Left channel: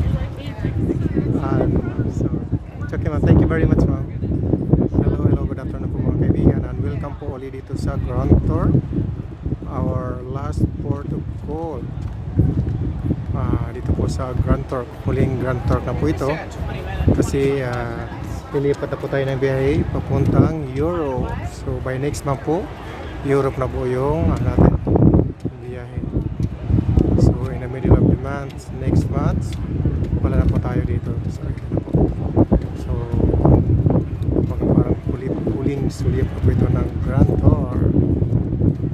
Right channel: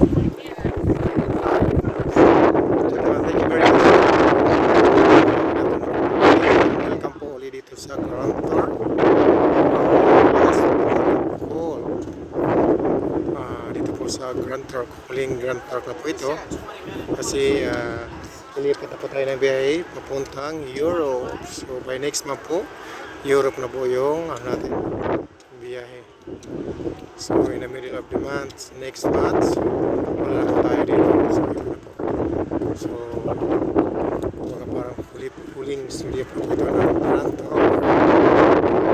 Okay, well, thank you very much. Welcome po ulit dito sa Grand Tour. Cool. Dito po sa Grand Tour. Huling Grand Tour na po ito. Kasi nilipat na po tayo ng biyahe papuntang Europe. So by next month po, Europe na po yung natin biyahe. So in the middle of the month, next month, wala na po tayo dito. So mga parang huling sulit po ito ng Grand Tour.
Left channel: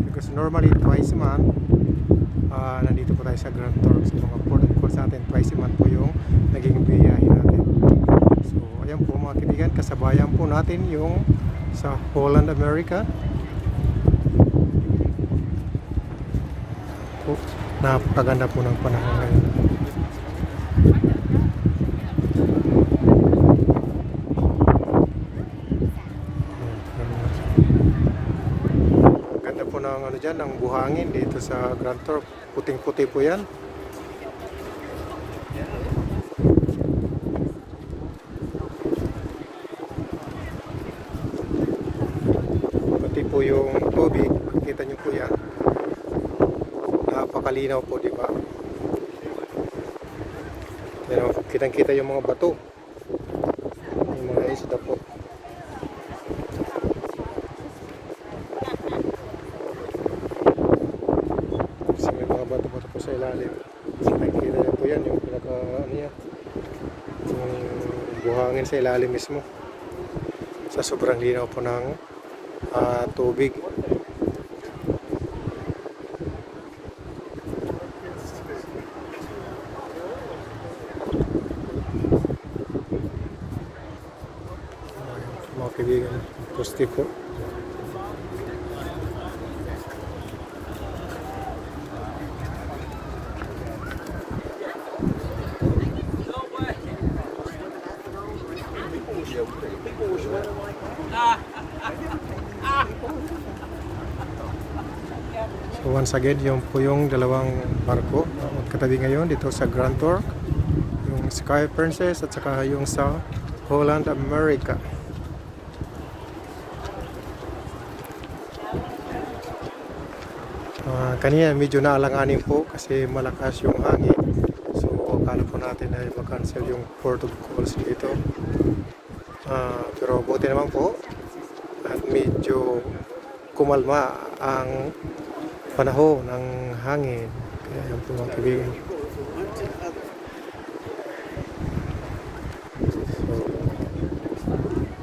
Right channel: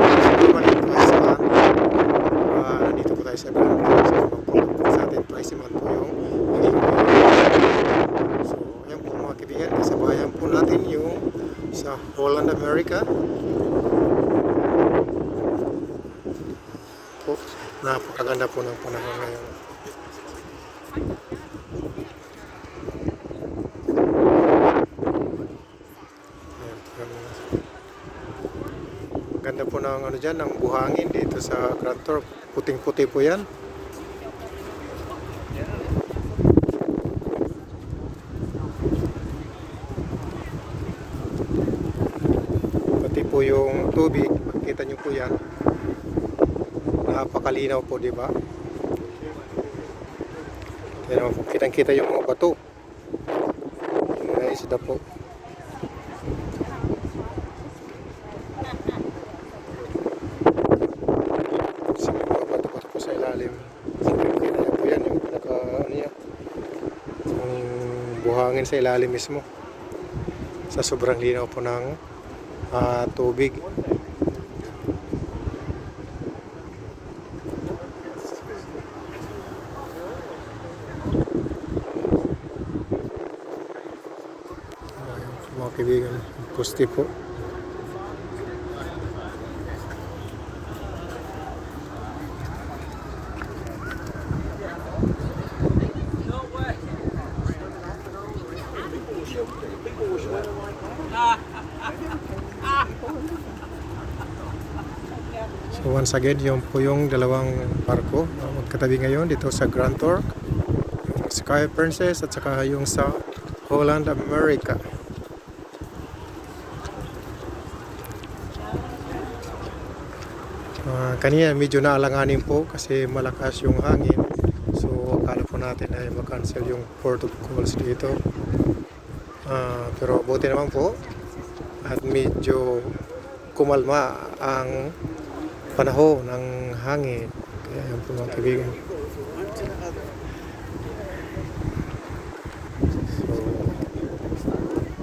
So normally twice a month, nandito po tayo sa Grand Tour. So mag-follow po sa atin twice a month po yung naging so ayan po mga kaibigan, kasabayan po natin yung sa Holland, America. Po, napakaganda po ng panahon ngayon. Ganda po ng ano dyan, ng buhangin dito sa Grand Tour. Puting-puti po yan. Pati po yung tubig, makikita nyo po yan. Napakalinaw po, di ba? Kitang-kita yung mga bato. Yung mga isda po. Kasi may mga bato-bato po sa ilalim. Kita po yan, yung yung buhangin sa ilalim mismo. Sa sobrang linaw po ng tubig. Mga kaibigan, poste po. So once again, yung po yung dalawang barko na magkatabi ngayon dito sa Grand Tour. Yung Sky Princess at saka yung sa Holland, America. Kanina medyo naalanganin po kasi malakas yung hangin. So akala po natin ay mag-cancel yung port of calls dito. Pero buti naman po at medyo kumalma ang panahon ng hangin. Kaya yung po mga kaibigan. So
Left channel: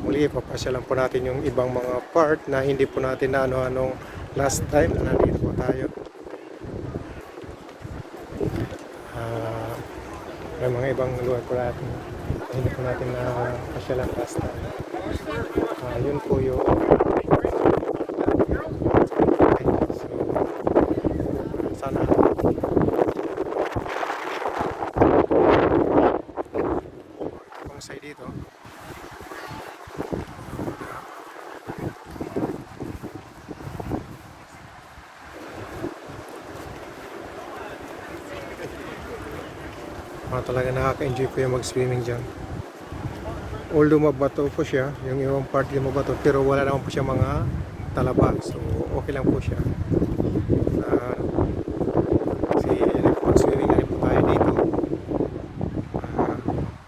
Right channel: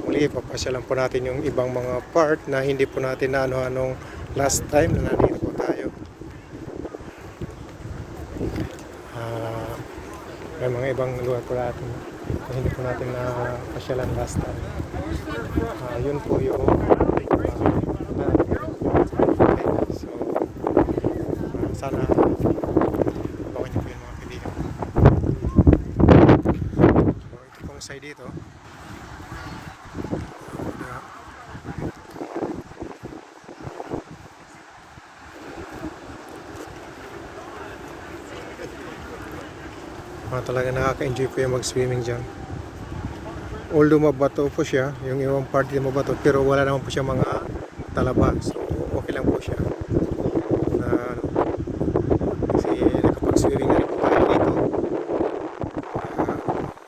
muli papasyalan po natin yung ibang mga part na hindi po natin na ano-anong last time na nandito po tayo. May mga ibang lugar po natin na hindi po natin na pasyalan last time. Yun po yung so sana ito pong side dito. Talaga nakaka-enjoy po yung mag-swimming dyan. Although mabato po siya, yung ibang part yung mabato, pero wala naman po siya mga talaba. So okay lang po siya. Kasi nakapag-swimming na rin po tayo dito.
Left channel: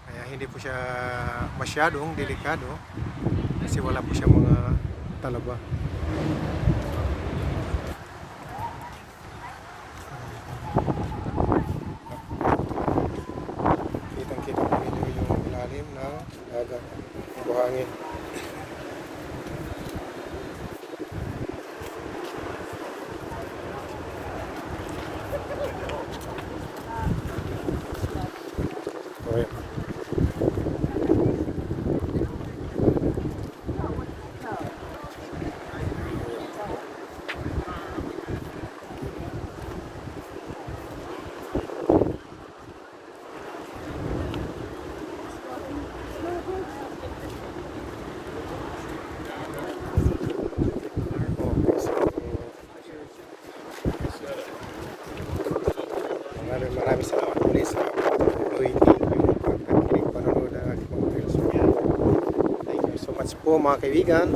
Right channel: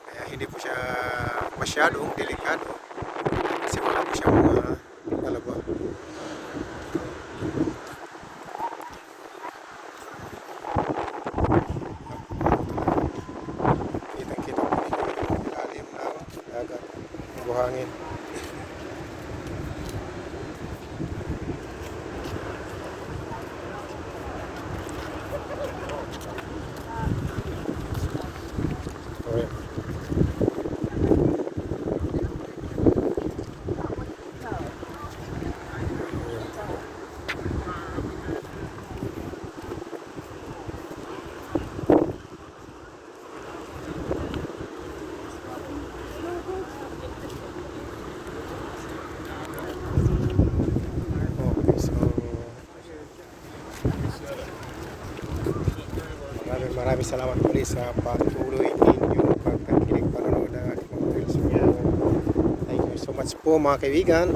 Kaya hindi po siya masyadong delikado kasi wala po siya mga talaba. Buhangin. Okay. Maraming salamat muli sa patuloy ninyo much po mga kaibigan.